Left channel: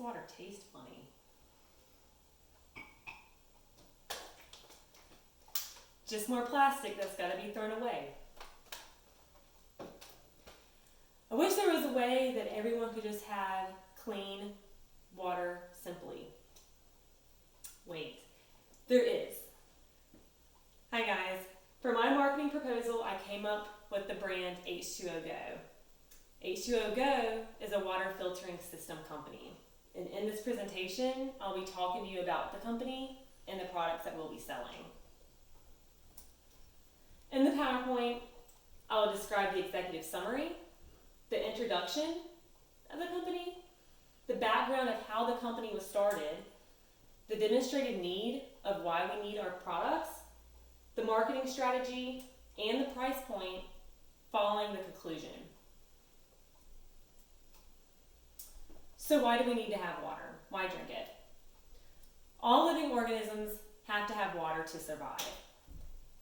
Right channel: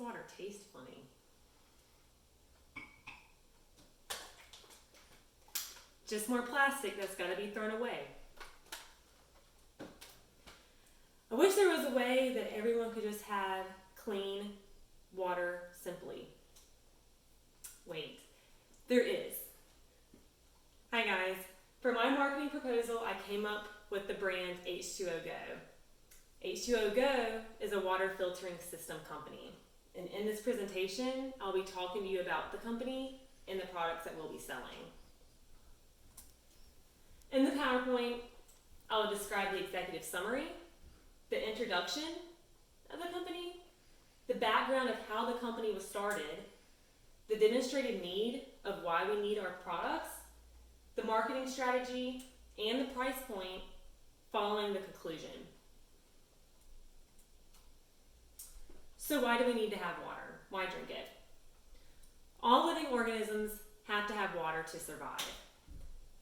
water tastes funny. Just more plastic that's got to be thrown away. I wish there was a way that everyone could just have clean water simply. Wait, there is. Hi guys. For my marketing proposal, I came up with the brand H2OGO. H2OGO is a water filtering system company. And in this presentation, I'll be talking to you about the company and the products that we'll be selling. In the PowerPoint, I will describe the executive summary, the introduction of the company, the background of how the company was started, the demonstrated need of why we need our products, the marketing strategy, and the price point following the conclusion. So why do we need to have water? Why drink it? All living organisms have to have water to survive.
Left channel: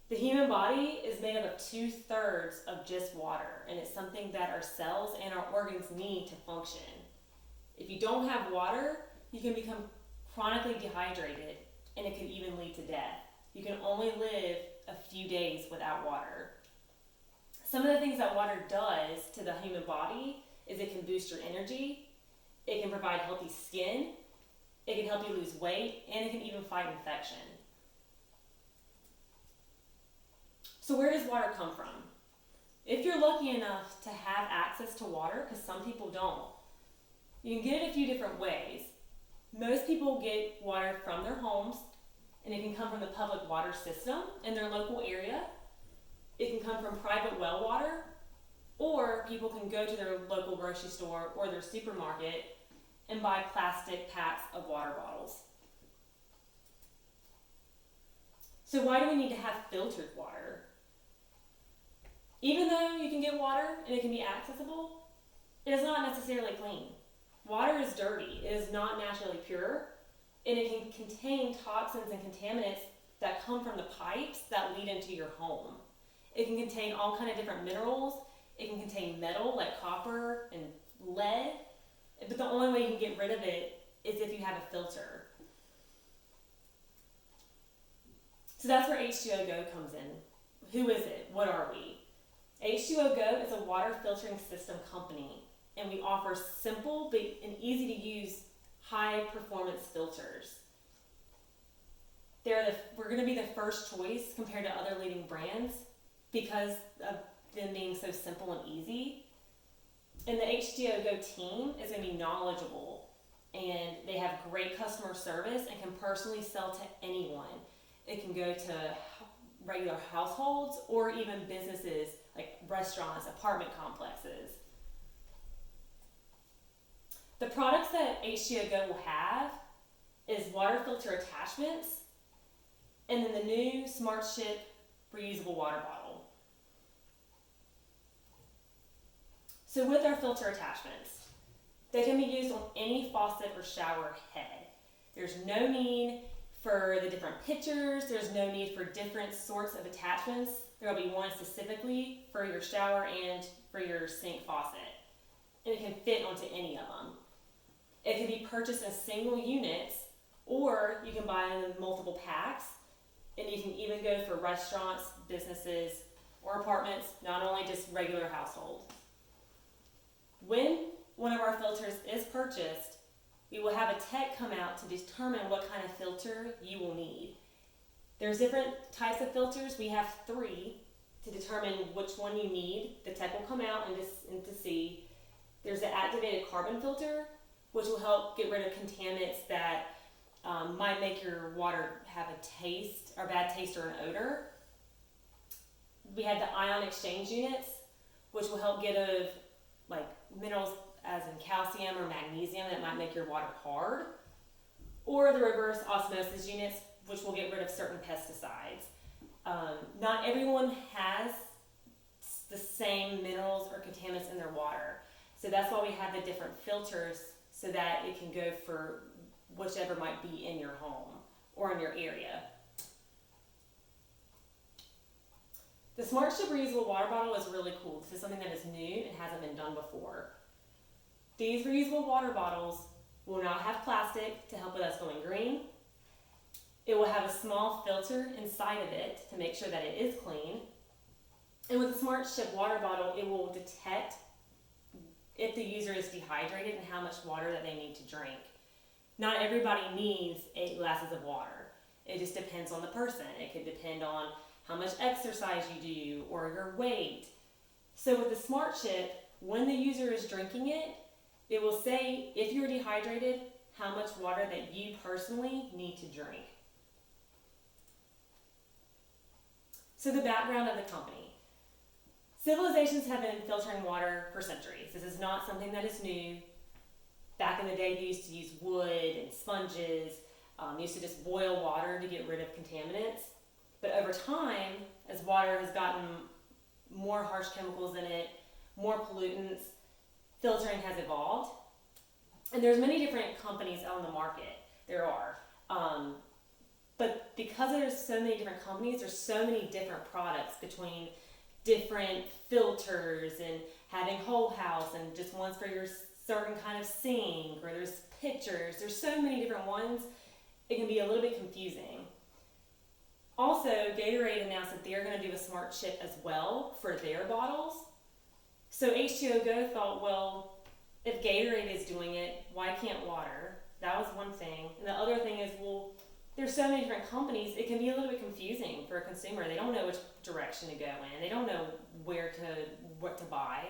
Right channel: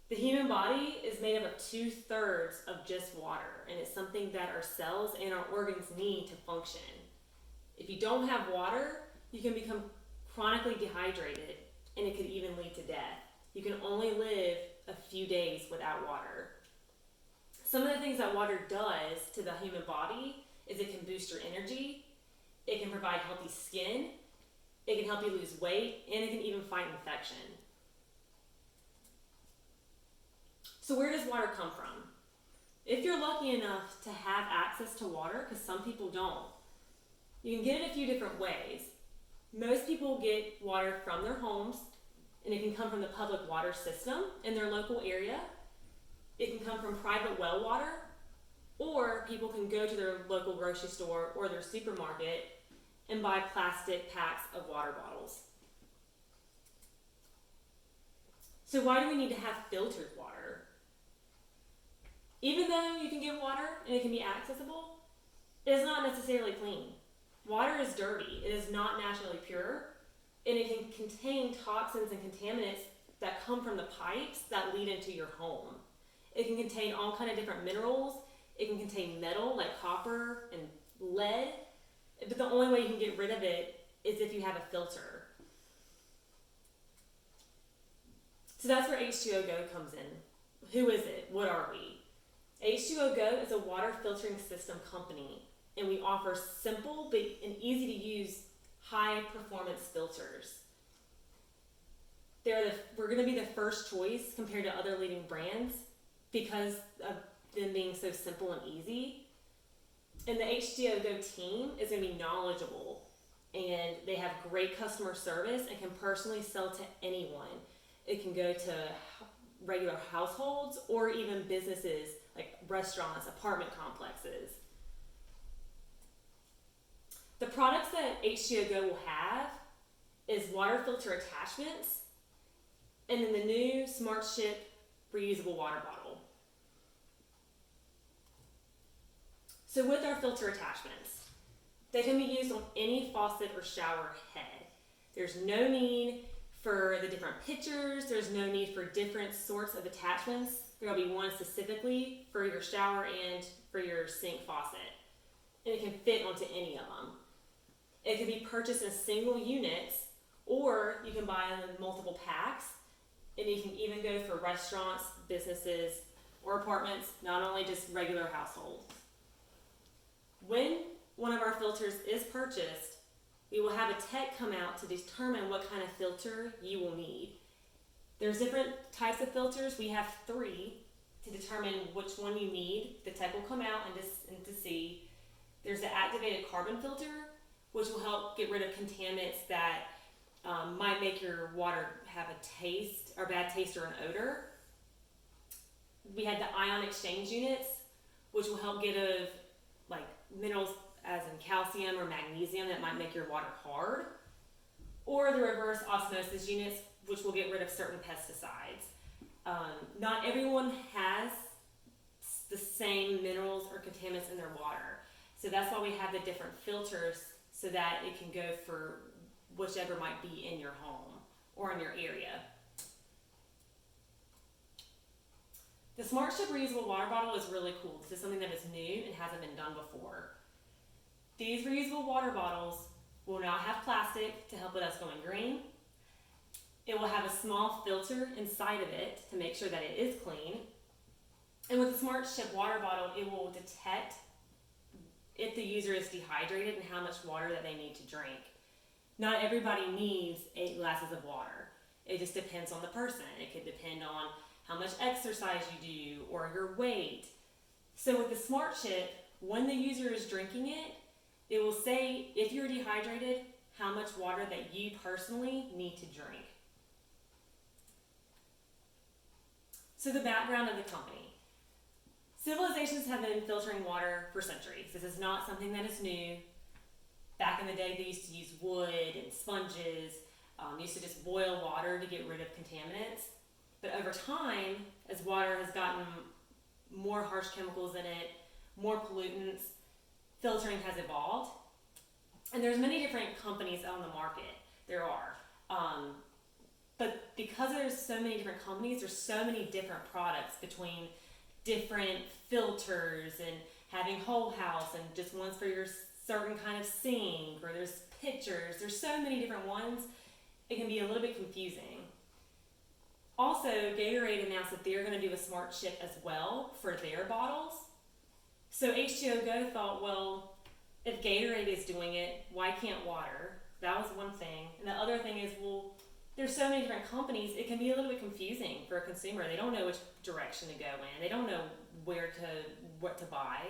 The human body is made up of 2/3 of just water, and it's something that our cells and our organs need to function. If you don't have water, you can become chronically dehydrated, and it could even lead to death. You can only live a few days without water. Some of the things that water does to the human body is it can boost your energy, it can provide healthy skin, it can help you lose weight, and it can even fight infection. So where does water come from? If you're lucky enough to have access to water, because some people don't, you can get it a few different ways. Most people get water from their homes, and it can come from the public water system in their local area. It can come from private well water, or people can go to their local grocery store or their supermarket and buy plastic packs of water bottles. So why do we need to have filtered water? Even though you can get water and it can be accessible, it is not necessarily clean. Water is dirty, it is not naturally pure, and it can contain toxins and contaminants that come from the pipes that lead into your home. It can contain all kinds of different minerals. It can contain metal like copper and lead, but the only way you can get rid of it is if you have a filter. So that's where H2OGO comes in. Who is it? What are we? H2OGO is a water filtering system company, and we offer simple and easy to use high performance filters. We're going to be the first choice compared to other leading brands because of them being so simple and easy. And the H2OGO team is going to be knowledgeable, and they have great customer service and can personally sell to anyone. It can go to regular households or even businesses like restaurants, apartment complexes. The products that H2OGO will have is water filter attachments and then the new Smart Ship reusable water bottle. So with our filter attachments, they can be used on any faucet or shower head. There's no need for the different pitchers, there's no need for different sorts of attachments. There'll be one specifically for your shower and for your sink faucet. And it can fit onto any of them. It can be purchased in single units, or you can buy them in multiple packs, and you can even go for restaurants, businesses, or apartments, not only just regular households. When one of our filters is purchased, we will have a tech come out to determine what kind of filter you will need. There's different types of filters. We have 3 to determine which one you need. The tech will come out and to see. There's the activated carbon filter, which will help get rid of contaminants that might make your water have a taste or bad taste or an odor. We have the ion exchange units, which will help get rid of like minerals as in calcium or magnesium that might make your water hard. Or the reverse osmosis units, which will get rid of certain pesticides. Not everyone has the same minerals or contaminants in their water. So that's why we have the different filters so that it can go for whichever might be in your home or in your area. The Smart Ship reusable water bottle is really cool. This is something that is new and hasn't been done before. These reusable water bottles will not have plastic to help with us going green. It will have a small filter inside of it to make sure that it is clean. And with the Smart Ship water bottle, it will detect if the user is dehydrated and how much water that they need to drink. Not everybody needs 8 glasses of water. It just depends on the person. It could depend on how much exercise you do or your weight. So with the Smart Chip, when the user is drinking it, it will say if you're dehydrated, how much water that you personally need to drink. So the background of the company. Civilizations have been filtering water for centuries. This is not something that is new. Back in the day, they used to use wood and sponges, used to just boil water to get rid of contaminants. But over time, as water has gotten more harsh chemicals in it, more pollutants, filtering has evolved. And there's many different companies out on the market. There are. But because there's so many different companies, there's so many different products between different filters and having whole house and just ones for your certain kind of sink, or there's pitchers. There's so many different ones. It can be a little bit confusing. Also, Gatorade announced that they're going to do a Smart Chip as well for their bottles. So H2OGO thought, well, if Gatorade is doing it, why can't water? That was one thing. And the other thing is, well, there's so many different companies, it can be a little bit confusing for a consumer. They don't know which direction to go in. They don't know what to buy.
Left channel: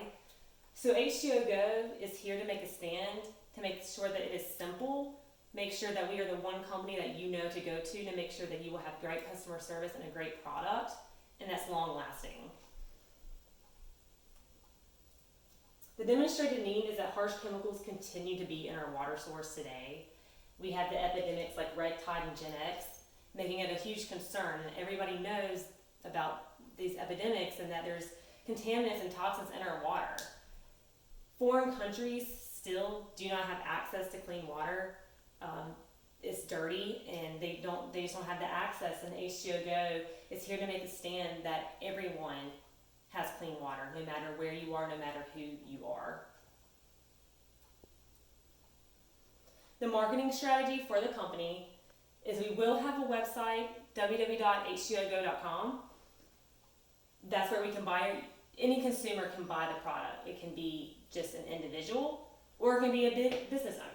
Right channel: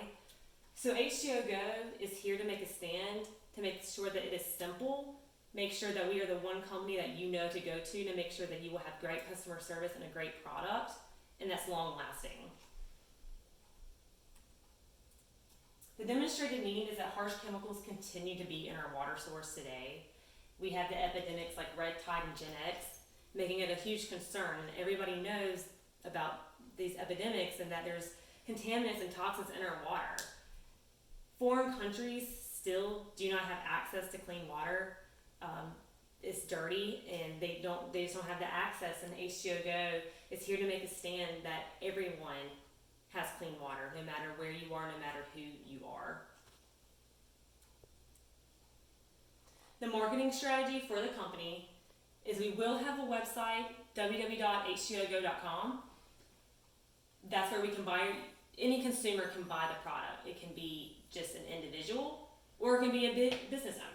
So H2OGO is here to make a stand, to make sure that it is simple, make sure that we are the one company that you know to go to make sure that you will have great customer service and a great product, and that's long lasting. The demonstrated need is that harsh chemicals continue to be in our water source today. We have the epidemics like red tide and Gen X, making it a huge concern, and everybody knows about these epidemics and that there's contaminants and toxins in our water. Foreign countries still do not have access to clean water. It's dirty, and they just don't have the access, and H2OGO is here to make a stand that everyone has clean water, no matter where you are, no matter who you are. The marketing strategy for the company is we will have a website, www.h2ogo.com. That's where we can buy, any consumer can buy the product. It can be just an individual, or it can be a big business owner.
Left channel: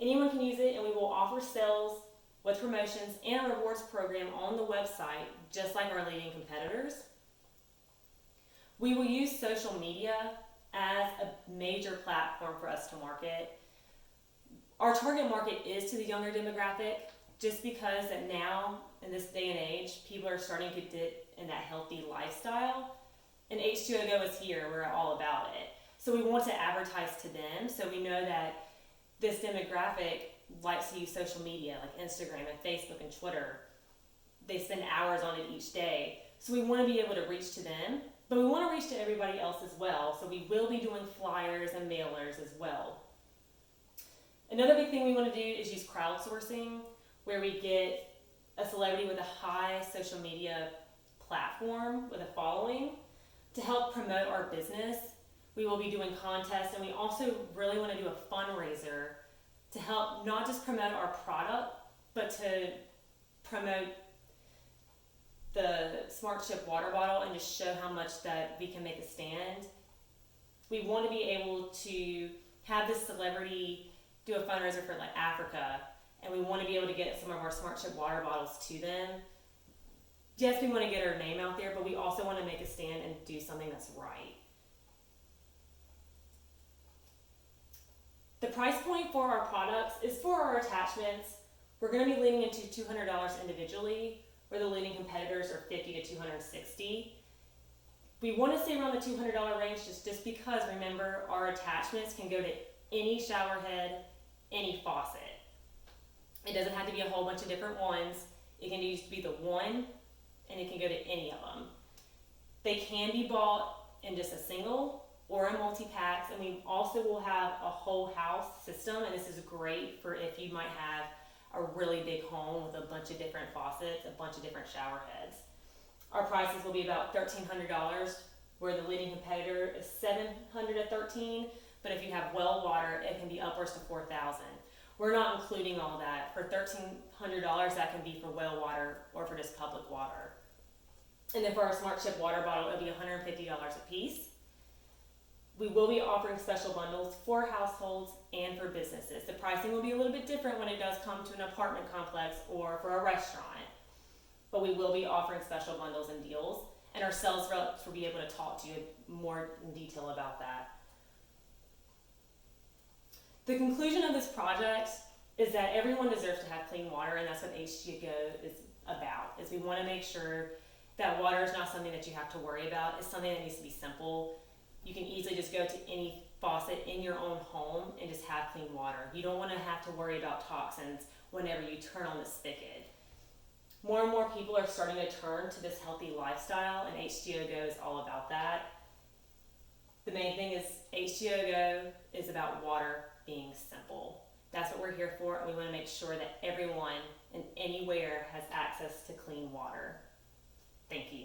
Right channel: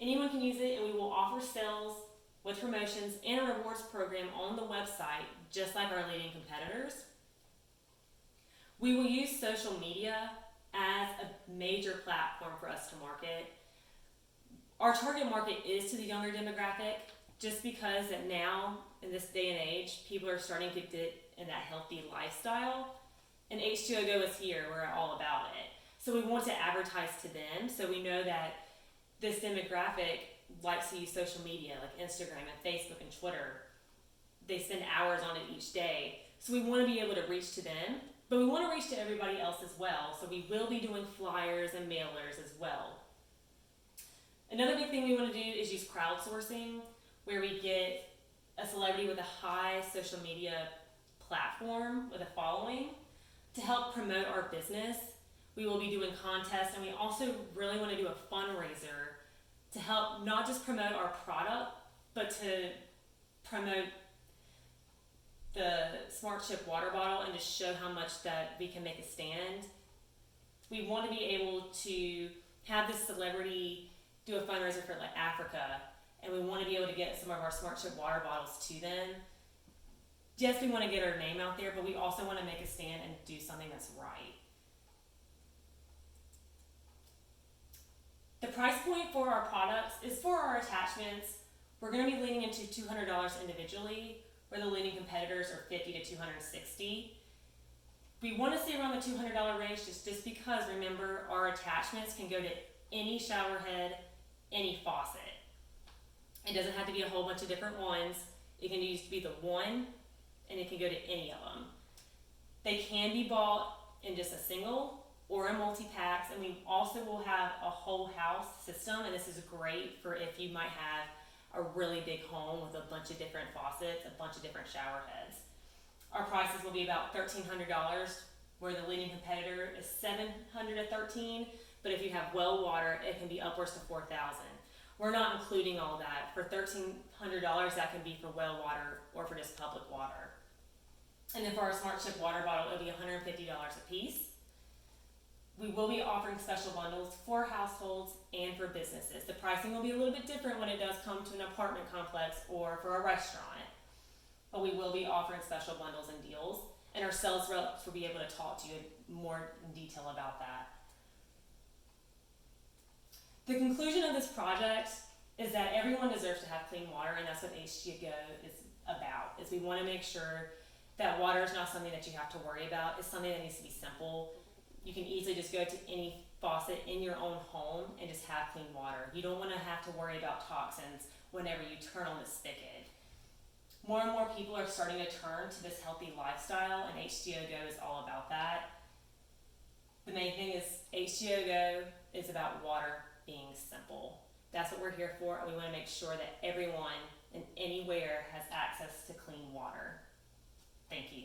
Anyone can use it, and we will offer sales with promotions and a rewards program on the website, just like our leading competitors. We will use social media as a major platform for us to market. Our target market is to the younger demographic, just because that now, in this day and age, people are starting to get in that healthy lifestyle, and H2OGO is here, we're all about it. So we want to advertise to them, so we know that this demographic likes to use social media, like Instagram and Facebook and Twitter. They spend hours on it each day, so we want to be able to reach to them, but we want to reach to everybody else as well, so we will be doing flyers and mailers as well. Another big thing we want to do is use crowdsourcing, where we get a celebrity with a high social media platform with a following to help promote our business. We will be doing contests, and we also really want to do a fundraiser to help not just promote our product, but to promote the Smart Chip water bottle and just show how much that we can make a stand. We want to be able to have this celebrity do a fundraiser for like Africa, and we want to be able to get some of our Smart Chip water bottles to them. Yes, we want to get our name out there, but we also want to make a stand and do something that's right. The price point for our products is for our attachments. We're going to be leaning into $200 individually, where the leading competitors are $50 to $260. We want to stay around the $200 range just because, remember, our attachments can go to any shower head, any faucet. It doesn't have to be a whole bunch of different ones. It can just be the one, and it can go to any of them. They can be bought in just a single or in multi-packs, and we also will have a whole house system, and this is great for if you might have a really big home with a bunch of different faucets, a bunch of different shower heads. Our prices will be about $1,300, where the leading competitor is $700 to $1,300, but if you have well water, it can be upwards to $4,000. We're not including all that. For $1,300, that can be for well water or for just public water. And then for our Smart Chip water bottle, it'll be $150 a piece. We will be offering special bundles for households and for businesses. The pricing will be a little bit different when it does come to an apartment complex or for a restaurant, but we will be offering special bundles and deals, and our sales reps will be able to talk to you more in detail about that. The conclusion of this project is that everyone deserves to have clean water, and that's what H2OGO is about, is we want to make sure that water is not something that you have to worry about. It's something that needs to be simple. You can easily just go to any faucet in your own home and just have clean water. You don't want to have to worry about toxins whenever you turn on the spigot. More and more people are starting to turn to this healthy lifestyle, and H2OGO is all about that. The main thing is H2OGO is about water being simple. That's what we're here for, and we want to make sure that everyone and anywhere has access to clean water. Thank you.